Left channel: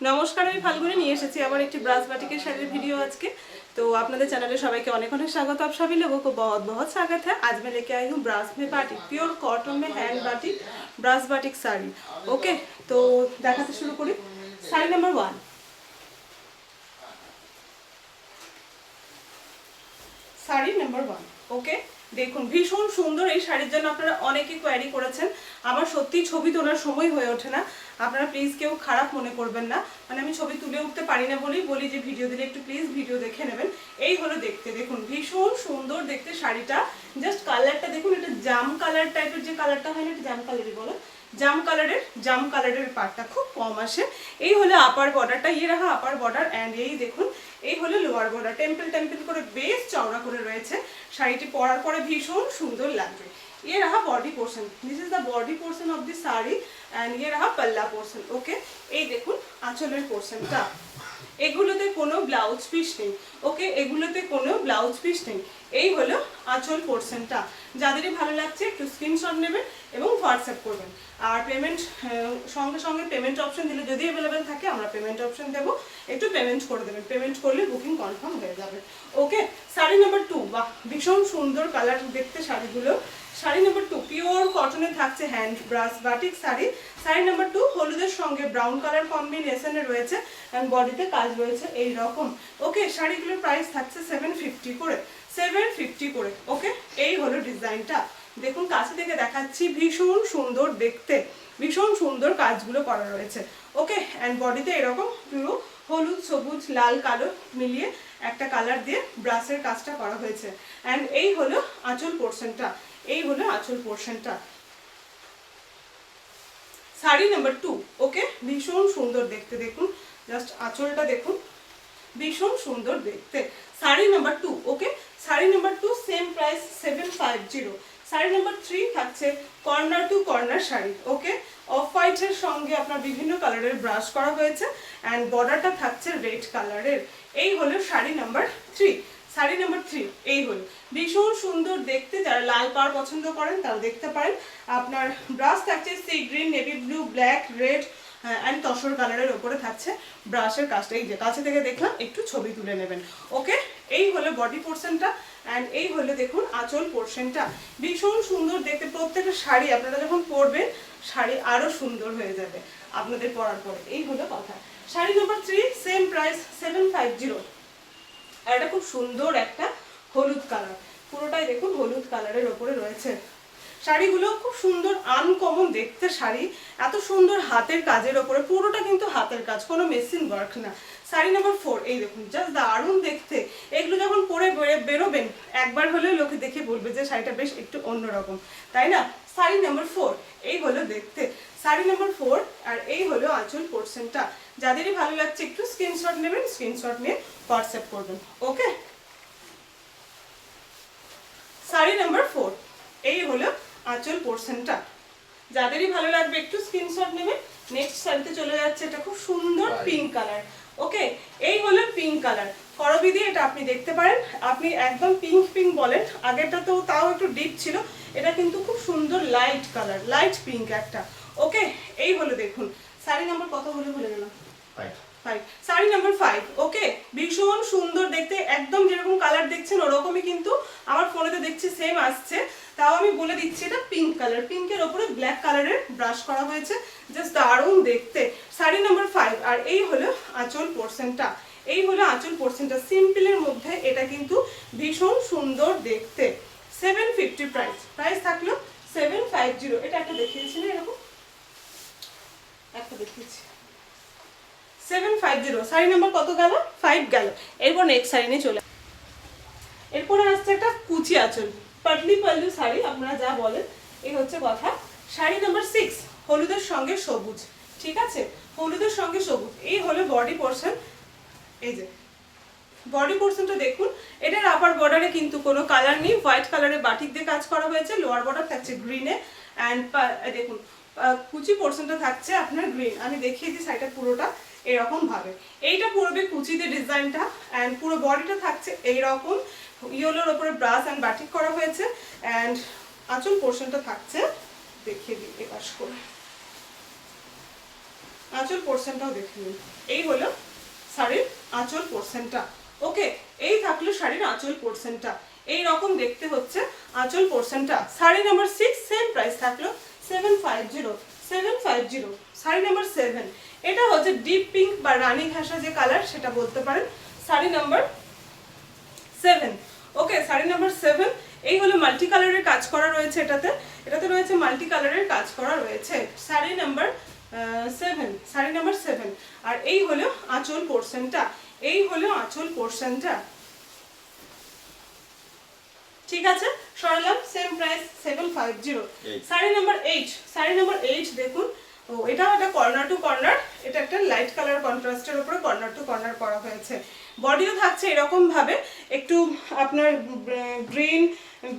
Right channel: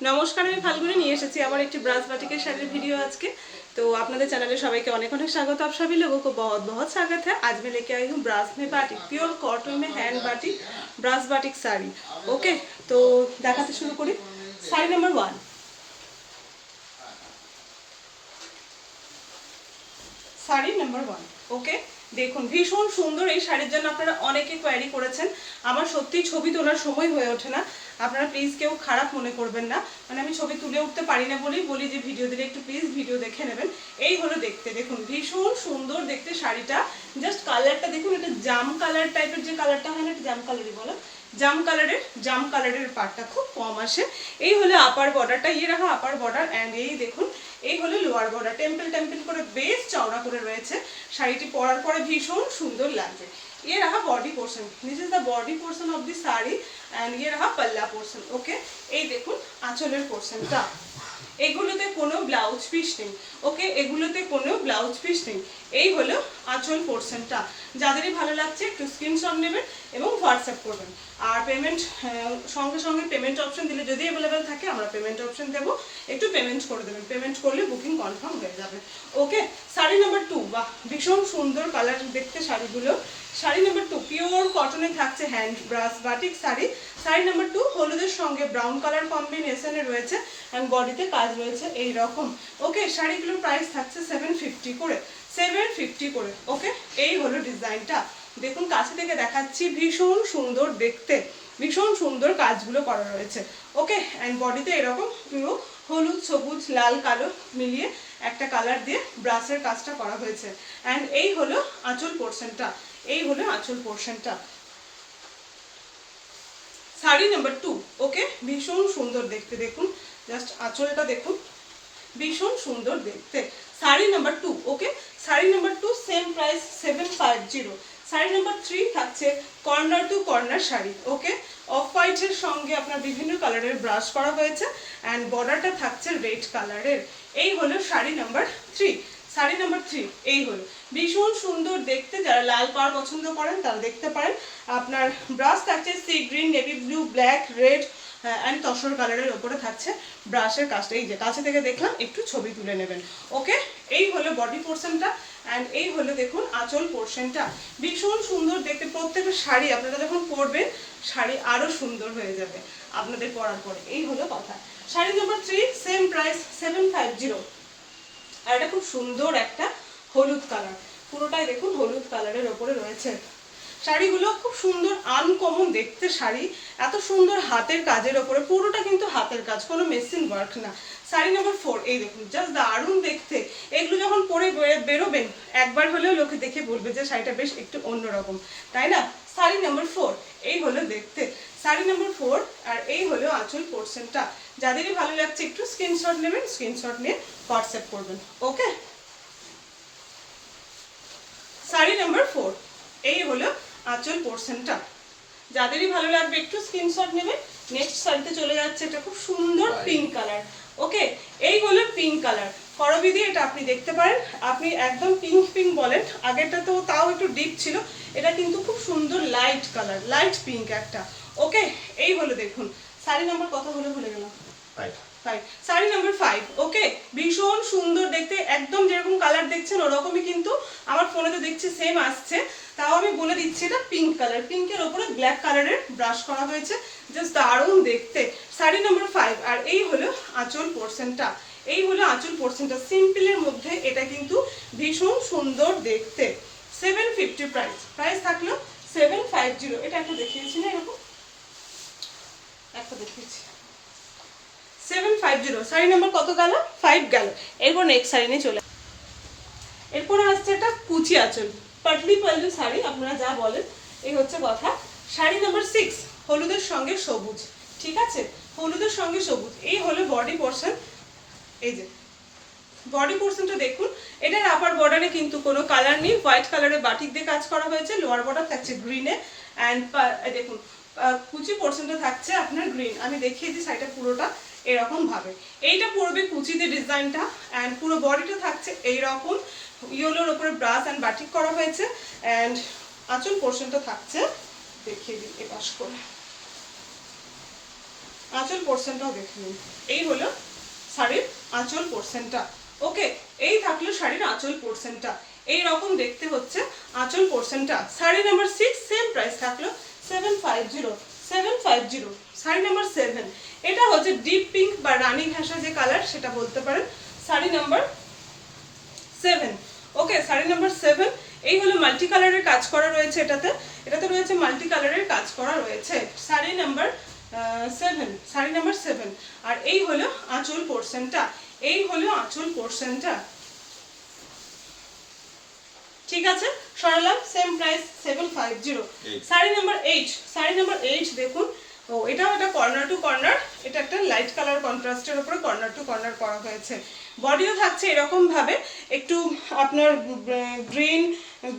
নমস্কার, আমি ফাল্গুনি নিয়ে এসেছি আবার একটি ব্রাশ बाटिक শাড়ির ভিডিও আজকে। तो আপনাদের চ্যানেলে সবাইকে অনেক অনেক স্বাগত। आप सभी लोगों को बहुत बहुत स्वागत है। आज मैं लेके आई हूँ ब्रास में बाटिक, प्योर कॉटन में hand batik brass batik sari. Okay, तो देखाते शुरू करी। শাড়ি নাম্বার 1, শাড়ি নাম্বার 1। ওকে, দেখুন ভীষণ সুন্দর এই শাড়ির জন্য আপনারা অনেকে কোয়ারি করেছেন। আমার সত্যি ছবি তোলার সময় হয়ে ওঠে না, আপনারা প্লিজ কেউ খারাপ মনে করবেন না। মানে আমি ছবি তুলে উঠতে পারি না বলেই বলি যে ভিডিও দিলে একটু প্লিজ ভিডিও দেখে নেবেন। এই হলো দেখতে, দেখুন ভীষণ সুন্দর দেখতে শাড়িটা। জাস্ট কালারটা দেখুন, এটা জাম কালার টাইপের, যে কালারটা হয় না এটা জাম কালারই বলো, জাম কালারের পাটটা খুব কম আসে। এই হলো আপার বর্ডারটা, ইয়ে রাখা আপার বর্ডার। অ্যান্ড এই দেখুন এই হলো লোয়ার বর্ডার, টেম্পল টেম্পল করে বেশ চওড়া করে রয়েছে। শাড়িটি পরার পরে ভীষণ সুন্দর লাগবে। ये रहा body portion, this is the body portion of the sari and ये रहा पल्ला पोर्शन। ओके, এই দেখুন আঁচলের পোর্শনটা, এগুলোতে কোনো ব্লাউজ পিস নেই। ওকে, এগুলোতে কোনো ব্লাউজ পিস নেই। এই হলো আঁচল পোর্শনটা। যাদেরই ভালো লাগছে একটু স্ক্রিনশট নেবেন এবং হোয়াটসঅ্যাপ করবেন। আর পেমেন্ট সঙ্গে সঙ্গে পেমেন্ট অপশন দিলে যদি অ্যাভেলেবেল থাকে আমরা পেমেন্ট অপশন দেবো, একটু পেমেন্ট করে দেবেন। পেমেন্ট করলে বুকিং কনফার্ম হয়ে যাবে। ওকে, শাড়ি নাম্বার 2, বাহ ভীষণ সুন্দর কালার দেখতে শাড়িগুলো। শাড়ি নাম্বার 2 পিওর কটনে থাকছে hand brush batik sari. Sari number 2 হলুদের সঙ্গে ব্রাউন কালার কম্বিনেশনে রয়েছে এন্ড বডিতে কাজ রয়েছে এই রকম। ওকে, শাড়িগুলোর প্রাইস থাকছে 750 করে, 750 করে। ওকে, এই হলো ডিজাইনটা। দেখুন কাছে থেকে দেখাচ্ছি, ভীষণ সুন্দর দেখতে, ভীষণ সুন্দর কাজগুলো করা রয়েছে। ওকে, এন্ড বডিতে এরকম পুরো হলুদ সবুজ লাল কালো মিলিয়ে একটা কালার দিয়ে ব্রাশের কাজটা করা হয়েছে। এন্ড এই হলো আঁচল পোর্শনটা, এই হলো আঁচল পোর্শনটা। শাড়ি নাম্বার 2। ওকে, ভীষণ সুন্দর দেখতে, দেখুন জাস্ট আঁচলটা দেখুন, ভীষণ সুন্দর দেখতে। Sari number 2। Okay, sari number 2 same price 750। Sari number 3 থাকছে corner to corner sari. Okay, off হোয়াইটের সঙ্গে আপনার বিভিন্ন কালারের ব্রাশ করা হয়েছে অ্যান্ড বর্ডারটা থাকছে রেড কালারের। এই হলো শাড়ি নাম্বার 3। শাড়ি নাম্বার 3 এই হলো ভীষণ সুন্দর দেখতে। যারা লাল পাড় পছন্দ করেন তারা দেখতে পারেন। আপনার ব্রাশ থাকছে sea green, navy blue, black, red and tussar কালারের ওপরে থাকছে ব্রাশের কাজটা। এই যে কাছে থেকে দেখলাম, একটু ছবি তুলে নেবেন। ওকে, এই হলো বডি পোর্শনটা অ্যান্ড এই হলো দেখুন আঁচল পোর্শনটা। ভীষণ সুন্দর দেখতে। প্রত্যেকটা শাড়ি আপনারা যখন পরবেন শাড়ি আরও সুন্দর হয়ে যাবে আপনাদের পরার পরে। এই হলো কথা। Sari number 3 same price 750। আর এটা খুব সুন্দর একটা হলুদ কালার, পুরোটাই দেখুন হলুদ কালারের ওপরে রয়েছে। শাড়িগুলো খুব সুন্দর আনকমন দেখতে শাড়ি, এত সুন্দর হাতের কাজের ওপরে, পুরোটা কিন্তু হাতের কাজ, কোনো মেশিন ওয়ার্ক না। শাড়ি নাম্বার 4 এই দেখুন জাস্ট দারুণ দেখতে। এগুলো যখন পরে বেরোবেন একবার হলেও লোকে দেখে বলবে যে শাড়িটা বেশ একটু অন্যরকম, তাই না? শাড়ি নাম্বার 4 এই হলো দেখতে, শাড়ি নাম্বার 4। আর এই হলো আঁচল পোর্শনটা। যাদেরই ভালো লাগছে একটু স্ক্রিনশট নেবেন, স্ক্রিনশট নিয়ে হোয়াটসঅ্যাপ করবেন। ওকে, শাড়ি নাম্বার 4 এই হলো আঁচল পোর্শনটা। যাদেরই ভালো লাগবে একটু স্ক্রিনশট নেবেন। নেক্সট শাড়িতে চলে যাচ্ছে, এটা খুব সুন্দর পিঙ্ক কালার। ওকে, এই হলো পিঙ্ক কালার করবিদি। এটা আপনি দেখতে পারেন, আপনি একদম পিঙ্ক পিঙ্ক বলেন, আগেরটা তো তাও একটু ডিপ ছিল, এটা কিন্তু খুব সুন্দর লাইট কালার, লাইট পিঙ্ক একটা। ওকে, এই হলো দেখুন শাড়ি নাম্বার কত হলো ভুলে গেলাম, 5। শাড়ি নাম্বার 5। ওকে, ভীষণ সুন্দর দেখতে, একদম যেরকম কালার দেখছেন ওরকমই কিন্তু আমার ফোনেতে দেখছি সেম আসছে। তাও আমি বলে দিচ্ছি এটা পিঙ্ক কালার, পিঙ্কের ওপরে ব্ল্যাক কালারের ব্রাশ করা হয়েছে, জাস্ট দারুণ দেখতে। শাড়ি নাম্বার 5। আর এই হলো আঁচল পোর্শনটা, এই হলো আঁচল পোর্শনটা। সিম্পলের মধ্যে এটা কিন্তু ভীষণ সুন্দর দেখতে। 750 প্রাইস থাকলো 750। এটা একটা দেখিয়েছি না, এরকম একটা দেখিয়েছি 750। শাড়ি নাম্বার কত গেল? 5 গেল। এরপর নেক্সট শাড়ি নিয়ে চলে, এরপরে আসছে একটা কুচি আঁচল, পাটলি পাল্লু শাড়ি আপনারা যা বলেন, এই হচ্ছে কথা। শাড়ি নাম্বার 6 হলুদের সঙ্গে সবুজ, ঠিক আছে, হলুদের সঙ্গে সবুজ। এই হলো বডি পোর্শন। এই যে বডি পোর্শনটা দেখুন, এটার আপার বর্ডারে কিন্তু কোনো কালার নেই, হোয়াইট কালারের বাটিক দিয়ে কাজ করা হয়েছে। লোয়ার বর্ডার থাকছে গ্রিনে অ্যান্ড দেখুন কুচি পোর্শনটা থাকছে আপনার গ্রিন। আমি দেখিয়ে দিই শাড়িটা পুরোটা এরকম ভাবে। এইটা পড়বে কুচিতে ডিজাইনটা অ্যান্ড পুরো বডিটা থাকছে এইরকম, ইয়েলোর ওপরে ব্রাশ অ্যান্ড বাটিক করা হয়েছে অ্যান্ড আঁচল পোর্শনটা থাকছে, দেখিয়ে দিই এপাশ করে, আঁচল পোর্শনটাও দেখে নিন। এই হলো শাড়ির আঁচল পোর্শনটা। ওকে, এই থাকলো শাড়ির আঁচল পোর্শনটা। এই রকম দেখতে হচ্ছে আঁচল পোর্শনটা। শাড়ি নাম্বার 6 সেম প্রাইস থাকলো 750। শাড়ি নাম্বার 7, এটা হচ্ছে ডিপ পিঙ্ক বা রানী ঘাসা যে কালার সেটা বলতে পারেন। শাড়ি নাম্বার 7। ওকে, শাড়ি নাম্বার 7। এই হলো মাল্টি কালারের কাজ করা রয়েছে এটাতে রয়েছে মাল্টি কালারের কাজ করা রয়েছে। Sari number 7, sari number 7। আর এই হলো আঁচল পোর্শনটা, এই হলো আঁচল পোর্শনটা। ঠিক আছে, সরালাম, same price 750। Sari number 8, sari number 8 দেখুন। ও এটা একটা কর্নার টু কর্নার, এটা একটা লাইট কালার কন্ট্রাস্টের উপরে কর্নার টু কর্নার করা হয়েছে। বডিও থাকছে এরকম ভাবে একটু আপনার green,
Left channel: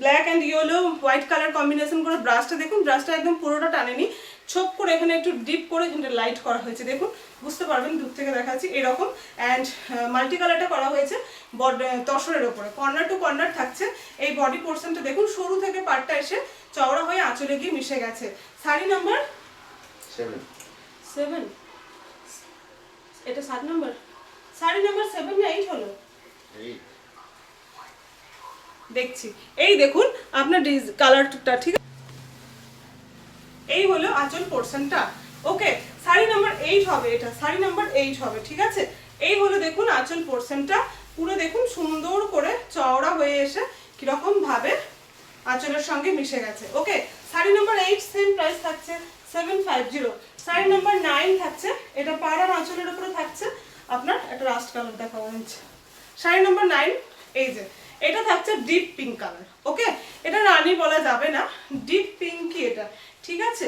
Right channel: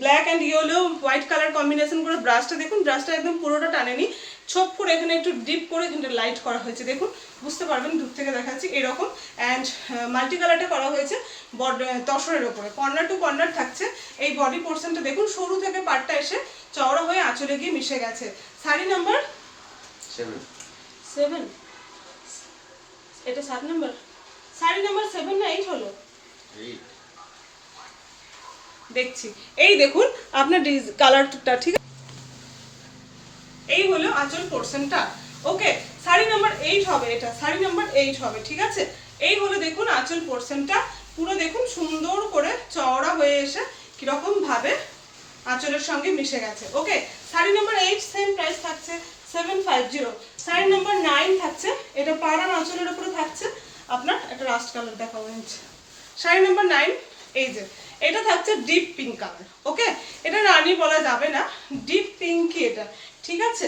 black and yellow, white colour combination করে। ব্রাশটা দেখুন, ব্রাশটা একদম পুরোটা টানেনি, ছোপ করে এখানে একটু ডিপ করে এখানে লাইট করা হয়েছে। দেখুন, বুঝতে পারবেন, দূর থেকে দেখাচ্ছি এরকম। অ্যান্ড মাল্টি কালারটা করা হয়েছে তসরের ওপরে, কর্নার টু কর্নার থাকছে। এই বডি পোর্শনটা দেখুন, সরু থেকে পাটটা এসে চওড়া হয়ে আঁচলে গিয়ে মিশে গেছে। শাড়ি নাম্বার 7, এটা 7 নাম্বার। শাড়ি নাম্বার 7 না 8 হলো? দেখছি, এই দেখুন আপনার কালারটা। ঠিক আছে, এই হলো আঁচল পোর্শনটা। ওকে, শাড়ি নাম্বার 8 হবে এটা, শাড়ি নাম্বার 8 হবে। ঠিক আছে, এই হলো দেখুন আঁচল পোর্শনটা। পুরো দেখুন সুন্দর করে চওড়া হয়ে এসে কিরকম ভাবে আঁচলের সঙ্গে মিশে গেছে। ওকে, শাড়ি নাম্বার 8 সেম প্রাইস থাকছে 750। শাড়ি নাম্বার 9 থাকছে, এটা পাড়ার আঁচলের উপরে থাকছে আপনার একটা রাস্ট কালার দেখা হচ্ছে। শাড়ি নাম্বার 9, এই যে এটা থাকছে ডিপ পিঙ্ক কালার। ওকে, এটা রানী বলা যাবে না, ডিপ পিঙ্কই এটা। ঠিক আছে,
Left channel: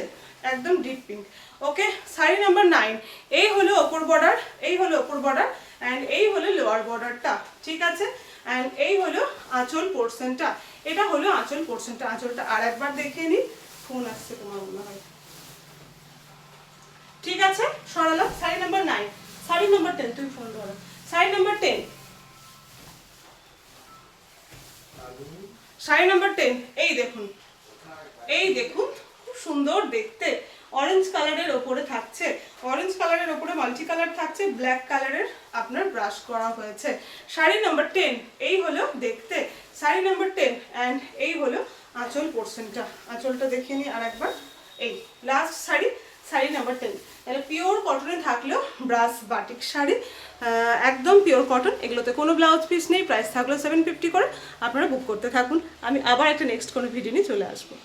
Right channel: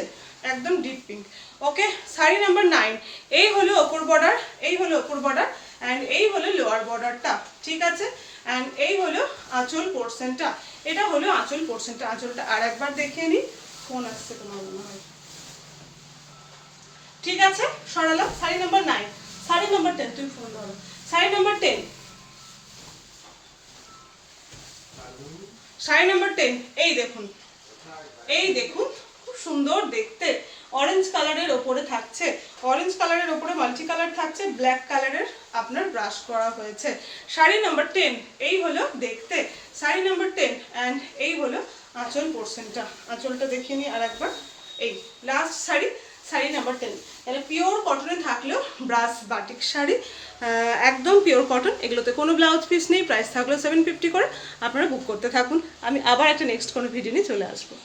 একদম ডিপ পিঙ্ক। ওকে, শাড়ি নাম্বার 9, এই হলো ওপর বর্ডার, এই হলো ওপর বর্ডার, অ্যান্ড এই হলো লোয়ার বর্ডারটা। ঠিক আছে, অ্যান্ড এই হলো আঁচল পোর্শনটা। এটা হলো আঁচল পোর্শনটা। আঁচলটা আর একবার দেখে নিই, ফোন আসছে তোমার মনে হয়। ঠিক আছে, সরালাম। শাড়ি নাম্বার 9, শাড়ি নাম্বার 10, তুমি ফোন ধরো। শাড়ি নাম্বার 10, শাড়ি নাম্বার 10, এই দেখুন, এই দেখুন, খুব সুন্দর দেখতে। অরেঞ্জ কালারের ওপরে থাকছে, অরেঞ্জ কালারের ওপরে মাল্টি কালার থাকছে, ব্ল্যাক কালারের আপনার ব্রাশ করা হয়েছে। শাড়ি নাম্বার 10, এই হলো দেখতে শাড়ি নাম্বার 10। অ্যান্ড এই হলো আঁচল পোর্শনটা। আঁচলটা দেখিয়ে নিই আর একবার। এই লাস্ট শাড়ি, শাড়ি নাম্বার 10। তাহলে পিওর কটনে থাকলো ব্রাশ বাটিক শাড়ি, একদম পিওর কটন। এগুলোতে কোনো ব্লাউজ পিস নেই, প্রাইস থাকলো 750 করে। আপনারা বুক করতে থাকুন, আমি আবার একটা নেক্সট কোনো ভিডিও নিয়ে চলে আসবো।